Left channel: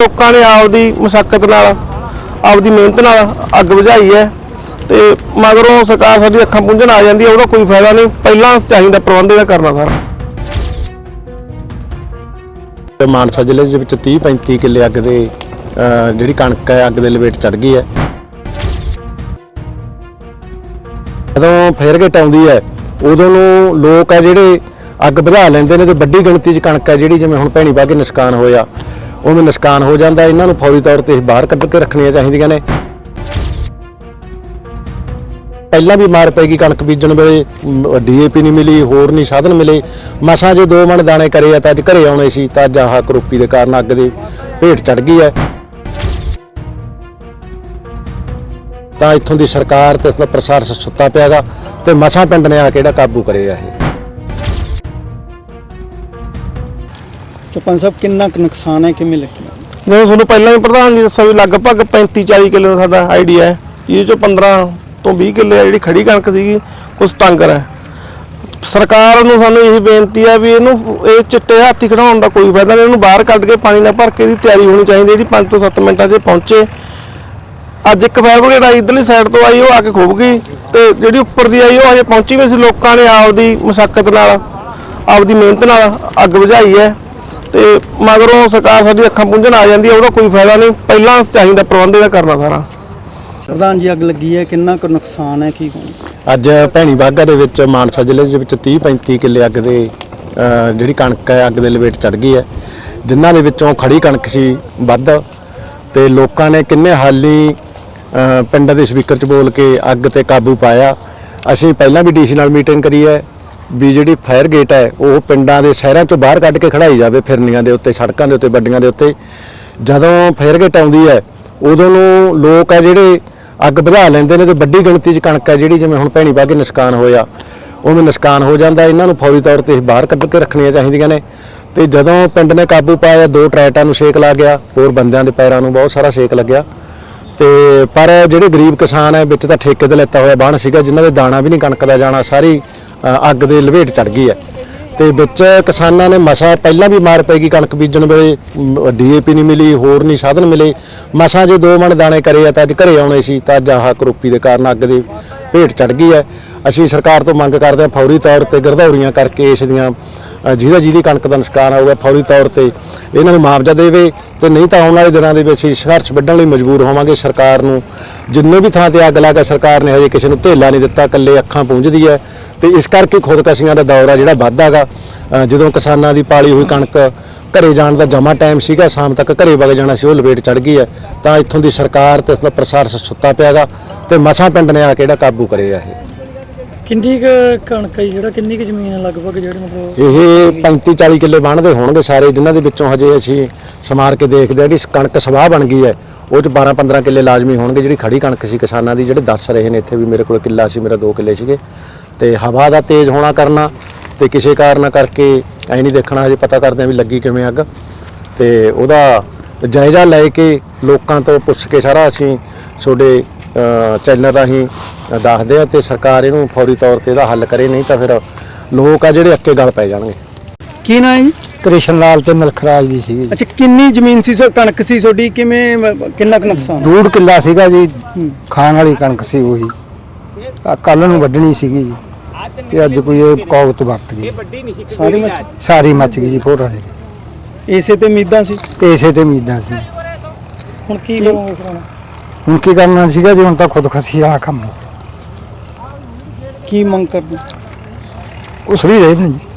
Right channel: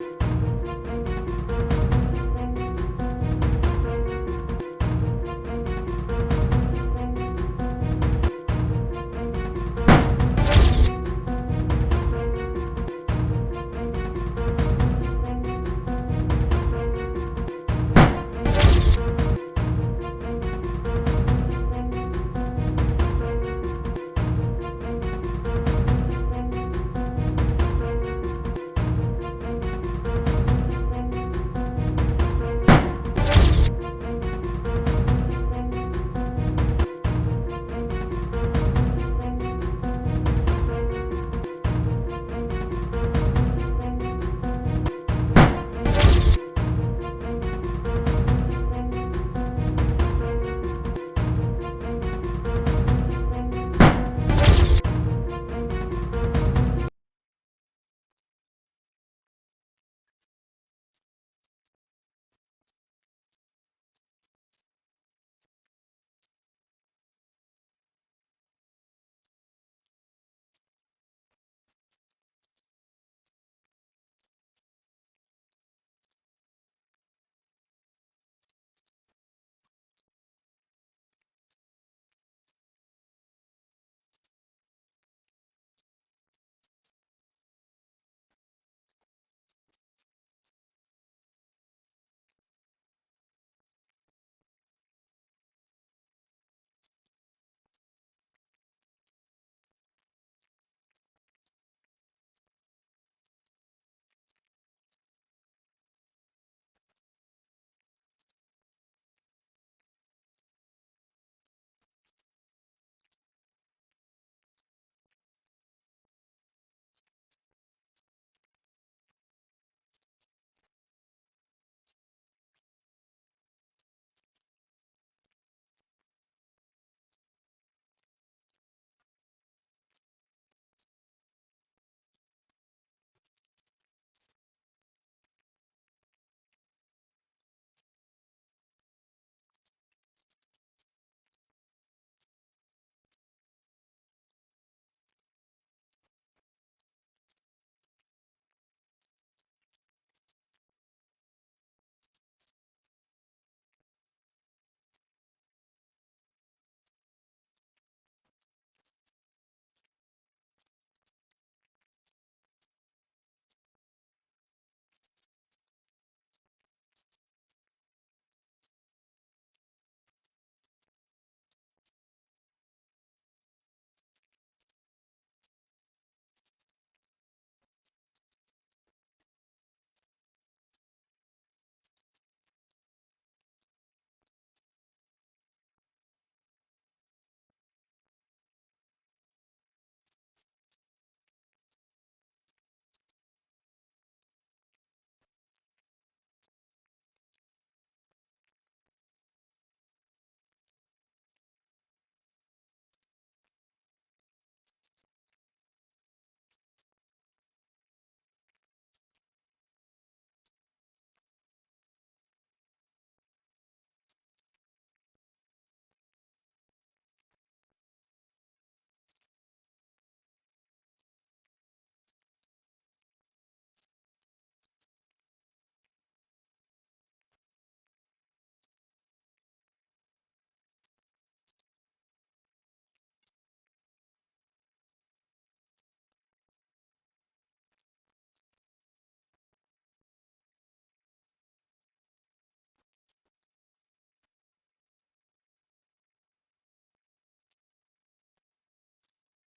ਲੋਕਾਂ ਨੇ ਆਪਦੀ ਮੁਸ਼ਕਲ ਨਾਲ ਆਪਦੀ ਮਿਹਨਤ ਨਾਲ ਅੱਗ ਬੁਝਾਈ ਹੈ ਤੇ ਮਗਰੋਂ ਸਰਕਾਰ ਸਾਡੀ ਅੱਖਾਂ ਪੁੰਝਣ ਆ ਜਾਂਦੀ ਹੈ ਉਹਦਾ ਕੋਈ ਫਾਇਦਾ ਨਹੀਂ। ਪਹਿਲਾਂ ਚਾਹੀਦਾ ਪ੍ਰਬੰਧ ਇਹਦਾ ਕਰਨਾ ਸਾਰਾ। ਤੇ ਮਾਨਸਾ ਜ਼ਿਲ੍ਹੇ ਦੇ ਵਿੱਚ 30 35 ਕਿੱਲੇ ਅੱਗ ਦੇ ਅਹ, ਜਿਹੜੀ ਕਣਕ ਹੈ ਅੱਗ ਦੇ ਲਪੇਟ ਚੜ ਗਈ ਹੈ। ਜਦੋਂ ਫੇਰ ਗੇਟ ਆਉਂਦੀ ਹੈ ਉਦੋਂ ਨੂੰ ਲੋਕ ਆ ਜਿਹੜੇ ਅੱਗ ਬੁਝਾ ਲੈਂਦੇ ਨੇ ਤੇ ਵੱਡੀ ਗਿਣਤੀ 'ਚ ਕਣਕ ਹੈ ਜਿਹੜੀ ਜਿਵੇਂ ਹੁਣ ਭੈਣੀ ਪਾ ਕੇ ਨੁਕਸਾਨ ਹੋਇਆ। ਉਵੇਂ ਨੁਕਸਾਨ ਹੋ ਜਾਂਦਾ, ਇਹਨਾਂ ਨੂੰ ਫੌਰੀ ਤੌਰ ਤੇ ਬਾਹਰ ਕੱਢ ਕੇ ਰੱਖਣੀਆਂ ਚਾਹੀਦੀਆਂ ਨੇ। ਪਹਿਲਾਂ ਵੀ ਮਾਰ ਪੈਗੀ ਕਣਕ ਬੀਜਣ ਵੇਲੇ ਡੀਏਪੀ ਨਹੀਂ ਮਿਲੀ, ਹੋਰ ਨਹੀਂ ਸਾਧਨ ਮਿਲੇ। ਮਸਾਂ ਜੇ ਦੋ ਮਣ ਦਾਣੇ ਕਰੇ ਆ ਤਾਂ ਅੱਜ ਘਰੇ ਆਉਣੇ ਸੀ, ਤਾਂ ਅੱਜ ਆਹ ਕਰੋਪੀ ਦੇ ਕਾਰਨ ਅੱਗ ਦੇ ਭੇਟ ਚੜ ਗਈ ਹੈ। ਤਾਂ ਇੱਥੋਂ ਦੀ ਸਰਕਾਰ ਤੇ ਇਸ ਦਾ ਪ੍ਰਸ਼ਾਸਨ ਸੁੱਤਾ ਪਿਆਗਾ ਤੇ ਮਸਾਂ ਪਿੰਡ ਨੇ ਆ ਕੇ ਜਿਹੜਾ ਕਾਬੂ ਕਰੇਗਾ ਇਹ। ਸਰਪੰਚ ਸਾਹਿਬ, ਕਿੰਨਾ ਕੁ ਨੁਕਸਾਨ ਹੈ, ਕਿਵੇਂ ਲੱਗਿਆ ਜਿਵੇਂ ਤੁਹਾਨੂੰ ਪਹਿਲਾਂ ਵੀ ਪ੍ਰਧਾਨ ਜੀ ਦੱਸਿਆ ਵੀ ਲਗਭਗ 35 40 ਕਿੱਲੇ ਦਾ ਸਾਡਾ ਆਈਡੀਆ ਹੈ। ਇਹ ਚੋਂ 15 ਤੋਂ 20 ਕਿੱਲੇ ਆ ਜਿਹੜੀ ਖੜੀ ਕਣਕ ਸੀਗੀ ਕੁਝ ਤੰਗਰ ਹੈ। ਸਰਕਾਰ ਨੂੰ ਸਾਨੂੰ ਇਹੀ ਬੇਨਤੀ ਹੈ ਵੀ ਇਹਨੂੰ, ਇਹ ਚਿੱਟੇ ਹਾਥੀ ਖੜਾਉਣ ਦਾ ਕੋਈ ਫਾਇਦਾ ਨਹੀਂ, ਇਹਨੂੰ ਬਾਹਰ ਕੱਢ ਕੇ ਪਾਣੀ ਨਾਲ ਭਰ ਕੇ ਇਹਦੀ ਤਿਆਰੀ ਹੋਣੀ ਚਾਹੀਦੀ ਜਿਹੜੀ 5 ਤੋਂ 7 ਮਿੰਟਾਂ 'ਚ ਪਹੁੰਚੇ। ਅੱਜ ਇੱਕ ਫਾਇਰ ਬ੍ਰਿਗੇਡ ਆਈ, ਇਧਰਲੀ ਸਾਈਡ ਤੋਂ ਆਈ, ਉਹ ਆ ਕੇ ਖੁੱਭ ਗਈ ਤੇ ਜਿਹੜੀ ਉੱਪਰ ਦੀ ਆਈ, ਉਹ ਅਜੇ ਪਹੁੰਚੀ ਵੀ ਸੀ ਲੋਕਾਂ ਨੇ ਆਪਦੀ ਮੁਸ਼ਕਲ ਨਾਲ, ਆਪਦੀ ਮਿਹਨਤ ਨਾਲ ਅੱਗ ਬੁਝਾਈ ਹੈ। ਤੇ ਮਗਰੋਂ ਸਰਕਾਰ ਸਾਡੀ ਅੱਖਾਂ ਪੁੰਝਣ ਆ ਜਾਂਦੀ ਹੈ ਉਹਦਾ ਕੋਈ ਫਾਇਦਾ ਨਹੀਂ। ਪਹਿਲਾਂ ਚਾਹੀਦਾ ਪ੍ਰਬੰਧ ਇਹਦਾ ਕਰਨਾ ਸਾਰਾ। ਪ੍ਰਧਾਨ ਜੀ ਅੱਗ ਲੱਗੀ ਹੈ ਕਿੰਨਾ ਕੁ ਨੁਕਸਾਨ ਹੈ ਕੀ ਅੱਜ ਭੈਣੀ ਬਾਗਾ ਦੇ ਵਿੱਚ ਮਾਨਸਾ ਜ਼ਿਲ੍ਹੇ ਦੇ ਵਿੱਚ 30 35 ਕਿੱਲੇ ਅੱਗ ਦੇ ਜਿਹੜੀ ਕਣਕ ਹੈ ਅੱਗ ਦੇ ਲਪੇਟ ਚੜ ਗਈ ਹੈ। ਜਿਨ੍ਹਾਂ ਦੇ ਵਿੱਚੋਂ ਖੜੀ ਕਣਕ ਸੀ ਵੱਧ ਤੇ ਲੋਕਾਂ ਨੇ ਕਿੰਨੇ ਹਾਲੀ ਪਿੰਡ ਦੇ ਸਪੀਕਰ 'ਚ ਬੋਲ ਕੇ ਅੱਗ ਤੇ ਕਾਬੂ ਪਾਇਆ। ਅਸੀਂ ਪਹਿਲਾਂ ਵੀ ਡੀਸੀ ਨਾਲ ਮੀਟਿੰਗ ਕਰੀ ਹੈ। ਵੀ ਜਿਹੜੀ ਫਾਇਰ ਗੇਟ ਹੈ, ਉਹ ਪਿੰਡਾਂ ਦੇ ਸ਼ਹਿਰਾਂ 'ਚੋਂ ਬਾਹਰ ਕੱਢ ਕੇ ਖੜਾਈ ਜਾਵੇ ਫਿਰਨੀਆਂ ਦੇ ਉੱਤੇ, ਸੜਕਾਂ ਦੇ ਉੱਤੇ, ਵੱਡੀਆਂ ਦੇ ਉੱਤੇ। ਜਦੋਂ ਫਾਇਰ ਗੇਟ ਆਉਂਦੀ ਹੈ, ਉਦੋਂ ਨੂੰ ਲੋਕ ਆ ਜਿਹੜੇ ਅੱਗ ਬੁਝਾ ਲੈਂਦੇ ਨੇ ਤੇ ਵੱਡੀ ਗਿਣਤੀ 'ਚ ਕਣਕ ਹੈ ਜਿਹੜੀ ਜਿਵੇਂ ਹੁਣ ਭੈਣੀ ਪਾ ਕੇ ਨੁਕਸਾਨ ਹੋਇਆ। ਉਵੇਂ ਨੁਕਸਾਨ ਹੋ ਜਾਂਦਾ, ਇਹਨਾਂ ਨੂੰ ਫੌਰੀ ਤੌਰ ਤੇ ਬਾਹਰ ਕੱਢ ਕੇ ਰੱਖਣੀਆਂ ਚਾਹੀਦੀਆਂ ਨੇ। ਤੇ ਜਦੋਂ ਪਿੰਡ ਨੇ ਕਾਬੂ ਪਾਇਆ, ਦੋ ਟਰੈਟਾਂ ਨੂੰ ਛੇਕ ਲੱਗ ਗਿਆ, ਹੋਰ ਬੰਦਿਆਂ ਦੇ ਪੈਰਾਂ ਨੂੰ ਬਹੁਤ ਸਾਰਾ ਛੇਕ ਲੱਗਿਆ। ਤੇ ਪਰ ਜਿਹੜੇ ਗਰੀਬ ਕਿਸਾਨ ਹੈ, ਵਿੱਚ ਤਾਂ ਠੇਕੇ ਤੇ ਲੈਤਾ ਹੋਇਆ ਬਾਣ ਸੀਗਾ, ਜਿਨ੍ਹਾਂ ਦੇ ਦਾਣਾ ਵੀ ਨਹੀਂ ਕਣਕ ਦਾ ਜਾਣਾ, ਸਾਰੀ ਅੱਗ ਦੇ ਲਪੇਟ ਚੜ ਗਈ ਹੈ। ਤੇ ਵਿੱਚ ਕਿਸਾਨਾਂ ਨੇ ਮਸਾ ਪਹਿਲਾਂ ਵੀ ਮਾਰ ਪੈਗੀ ਕਣਕ ਬੀਜਣ ਵੇਲੇ ਡੀਏਪੀ ਨਹੀਂ ਮਿਲੀ, ਹੋਰ ਨਹੀਂ ਸਾਧਨ ਮਿਲੇ। ਮਸਾਂ ਜੇ ਦੋ ਮਣ ਦਾਣੇ ਕਰੇ ਆ ਤਾਂ ਅੱਜ ਘਰੇ ਆਉਣੇ ਸੀ, ਤਾਂ ਅੱਜ ਆਹ ਕਰੋਪੀ ਦੇ ਕਾਰਨ ਅੱਗ ਦੇ ਭੇਟ ਚੜ ਗਈ ਹੈ। ਅਸੀਂ ਸਰਕਾਰ ਤੋਂ ਮੰਗ ਕਰਦੇ ਹਾਂ ਫੌਰੀ ਤੌਰ ਤੇ ਗਰਦੌਰੀਆਂ ਕਰਕੇ ਇਸ ਦੀਆਂ ਜਿਹਦਾ ਜਿਹਦੀ ਕਣਕ ਦਾ ਨੁਕਸਾਨ ਆਊਗਾ ਫੌਰੀ ਤੌਰ ਤੇ, ਇਹਨਾਂ ਨੂੰ ਮੁਆਵਜ਼ਾ ਦੇਵੇ ਤੇ ਨਹੀਂ ਤਾਂ ਆਉਣ ਵਾਲੇ ਦਿਨਾਂ ਦੇ ਵਿੱਚ ਅਸੀਂ ਸੰਘਰਸ਼ ਵੱਢਣ ਲਈ ਮਜਬੂਰ ਹੋਵਾਂਗੇ ਸਰਕਾਰ ਨੂੰ। ਜਿੰਨੇ ਵੀ ਥਾਂ ਤੇ ਅੱਗ ਲੱਗਾ ਸਰਕਾਰ ਨੇ ਹਜੇ ਕਿਸੇ ਨੂੰ ਧੇਲਾ ਨਹੀਂ ਦਿੱਤਾ, ਇਕੱਲੇ ਅੱਖਾਂ ਪੂੰਝਦੀ ਹੈ। ਤੇ ਇਸ ਕਰਕੇ ਖੁਦਕਸ਼ੀਆਂ ਦਾ ਦੌਰ ਆ ਜਿਹੜਾ ਵੱਧਦਾਗਾ ਜਦੋਂ ਕਿਸਾਨਾਂ ਦੀ ਪਾਲੀ ਹੋਈ ਕਣਕ ਘਰੇ ਜਾਣ ਦਾ ਜਮਾ ਟਾਈਮ ਸੀਗਾ, ਸ਼ਾਮ ਤੱਕ ਘਰੇ ਵਗ ਜਾਣਾ ਸੀ, ਉਹ ਲਪੇਟ ਚੜ ਗਈ ਹੈ। ਤਾਂ ਇੱਥੋਂ ਦੀ ਸਰਕਾਰ ਤੇ ਇਸ ਦਾ ਪ੍ਰਸ਼ਾਸਨ ਸੁੱਤਾ ਪਿਆਗਾ ਤੇ ਮਸਾਂ ਪਿੰਡ ਨੇ ਆ ਕੇ ਜਿਹੜਾ ਕਾਬੂ ਕਰੇਗਾ ਇਹ। ਕਿੰਨੀ ਕੁ ਕਣਕ ਹੈ ਜੀ, ਜਿਹੜਾ ਕਿੰਨੀ ਕੁ ਜ਼ਮੀਨ ਹੈ ਲਗਭਗ ਜਿਹੜੇ ਮਤਲਬ ਇਹ 35 40 ਕਿੱਲੇ ਬਣਦੇ ਹੋਣਗੇ ਸਾਰੇ ਜਿਨ੍ਹਾਂ ਦੇ ਵਿੱਚੋਂ ਹਜੇ ਅਸੀਂ ਸਮਾਰ ਕੇ ਦੇਖਦੇ ਆ ਜਿਹੜੀ ਕਣਕ ਸਵਾਹ ਬਣ ਗਈ ਹੈ ਉਹ ਚ 12 15 ਕਿੱਲੇ ਲਾਜ਼ਮੀ ਹੋਣਗੇ ਜਿਹੜੀ ਖੜੀ ਕਣਕ ਸੀ ਕਿਸਾਨਾਂ ਦੀ ਜਿਹੜੇ ਦੱਸ ਰਹੇ ਨੇ ਇੱਥੇ ਵੀ ਮੇਰੇ ਕੋਲ ਕਿੱਲਾ ਸੀ ਮੇਰਾ 2 ਕਿੱਲੇ ਸੀਗੇ। ਤੇ ਹਵਾ ਦਾ ਤੇਜ਼ ਹੋਣਾ ਕਰਨਾ ਤੇ ਕਿਸੇ ਕਾਰਨ ਕਰਕੇ ਐ ਨਹੀਂ ਦੇਖਣਾ ਹਜੇ ਪਤਾ ਕਰਦੇ ਆ ਵੀ ਲੱਗੀ ਕਿਵੇਂ ਅੱਗ। ਤੇ ਉਹਦਾ ਜਾਇਜ਼ਾ ਲੈ ਕੇ ਲੋਕਾਂ ਤੋਂ ਪੁੱਛ ਕੇ ਸਾਰਾ ਅਸੀਂ ਤੁਹਾਡੇ ਚੈਨਲ ਰਾਹੀਂ ਦੱਸਦੇ ਆ ਤੇ ਸਰਕਾਰ ਇਹਨੂੰ ਫੌਰੀ ਤੌਰ ਤੇ ਇਹਦਾ ਹੱਲ ਕਰੇ ਨਹੀਂ ਤਾਂ ਫਿਰ ਲੋਕ ਆ ਜਿਹੜੇ ਅੱਕੇ ਗਲ ਪੈ ਜਾਣਗੇ। ਕੀ ਨਾਂ ਹੈ ਜੀ? ਕ੍ਰਿਸ਼ਨ ਲਾਲ ਤੇ ਮਲਖਰਾਜ ਦੀ ਸੀਗੀ ਅੱਛਾ ਕਿੰਨੀ ਜ਼ਮੀਨ ਸੀ ਸੋ ਕਣਕ ਸੀ ਤੁਹਾਡੀ? ਕਿਵੇਂ ਮ- ਕਿੰਨਾ ਕੁ ਨੁਕਸਾਨ? ਡੂੜ ਕਿੱਲਾ ਸੀਗਾ ਜੀ। ਖਾਣ ਵਾਲੀ ਕਣਕ ਸੀ ਉਹੀ। ਆ ਕੱਲ ਨੂੰ ਵੱਢਣੀ ਸੀਗੀ ਜੀ। ਤੇ ਅੱਜ ਕੋਈ ਇਹ ਕੌਗਤ ਵਰਤ ਗਈ। ਸਾਰੀ ਮੱਚ ਸਾਰੀ ਮੱਚ ਗਈ ਜੀ ਫੋਟੋ ਦੀ ਇਸੇ ਤੇ ਉਮੀਦਾਂ ਸੀ? ਤੇ ਇਸੇ ਤੇ ਉਮੀਦਾਂ ਸੀ। ਹੁਣ ਕੀ ਕਰੋਗੇ ਫਿਰ ਹੁਣ? ਹੁਣ ਕੀ ਕਰਨਾ ਸੀਗਾ ਜੀ ਹੁਣ ਤਾਂ ਖੁਦਕਸ਼ੀ ਵਾਲਾ ਕੰਮ ਕੀ ਮੰਗ ਕਰਦੇ? ਕੁਛ ਵੀ ਰਹੇ ਨਹੀਂ। ਜੀ